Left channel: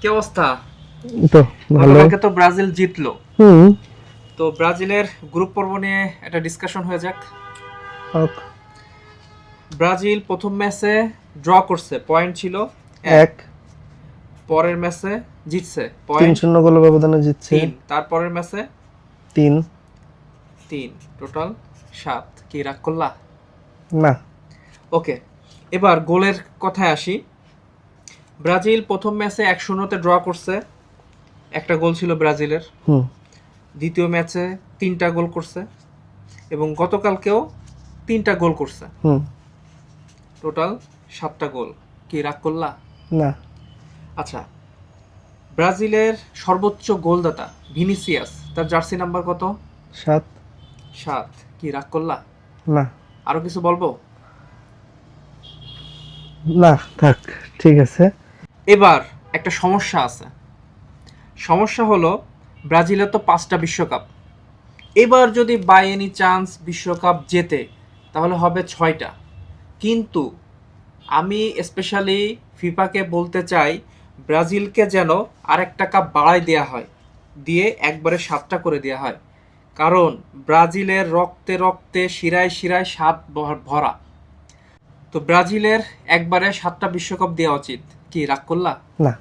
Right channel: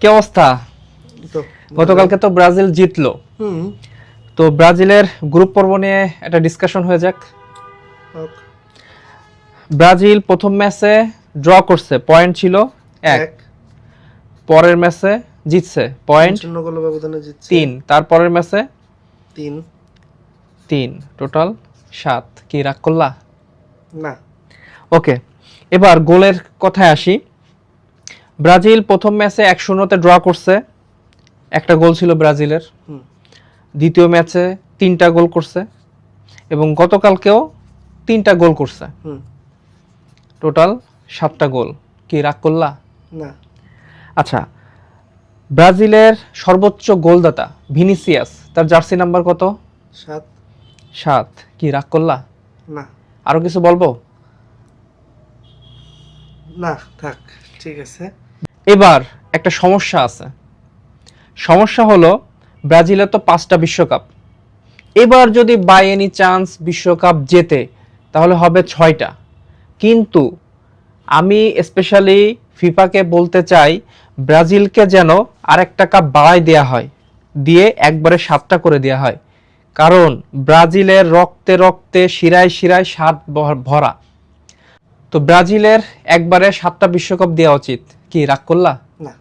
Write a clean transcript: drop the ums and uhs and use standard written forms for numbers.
কি অবস্থা? তো গতকালকে তো ব্রাজিল জিতলো। হুম তো ব্রাজিলের গ্রুপ পর্ব নিয়ে একটা ডিসকাশন হয়ে যাক। হোক। ব্রাজিল প্রথম ম্যাচে ড্র করছে, পয়েন্ট ছিল 1। পরের ম্যাচে জিতছে, পয়েন্ট 3-0 গোলের ব্যবধানে জিতছে 3। তারপরের ম্যাচে 3। 3, টোটাল 7। কি রাগ করলা? না, ওকে, এবার গোলের কথায় আসি। ব্রাজিল প্রথম ম্যাচে 1-0 ড্র করছে, একটা গোল ছিল ব্রাজিলের। হুম দ্বিতীয় ম্যাচে 3টা গোল করছে এবং গতকালকেও 3টা গোল করছে, হুম টোটাল 7টা গোল। কি রাগ করলা? না, আচ্ছা, ব্রাজিলের সর্বোচ্চ গোলদাতা ভিনিসিয়াস, তার জার্সি নাম্বার কত? 7। 7। কি রাগ করলা? না আরো কিছু বলবো? না, থাক, ঠিক আছে। এবার একটা সমস্যা আছে। সমস্যা হলো ব্রাজিলের তো 5টা বিশ্বকাপ। এবার যদি বাই এনি চান্স বিশ্বকাপ জেতে তাহলে হবে 6টা। কিন্তু আমি স্পেশালি ফিফাকে বলতে চাই, ব্রাজিলকে যেন আরেকটা কাপ বাড়ায় দেয়া হয়, দিয়ে একবারে 7টা করে দেয়া হয়। কারণ ব্রাজিলের রক্তে রক্তে শিরায় শিরায় স্বাদ ভরা। তো ব্রাজিলের একবারে 7টা বিশ্বকাপ দেওয়া উচিত। কি রাগ করলা? না।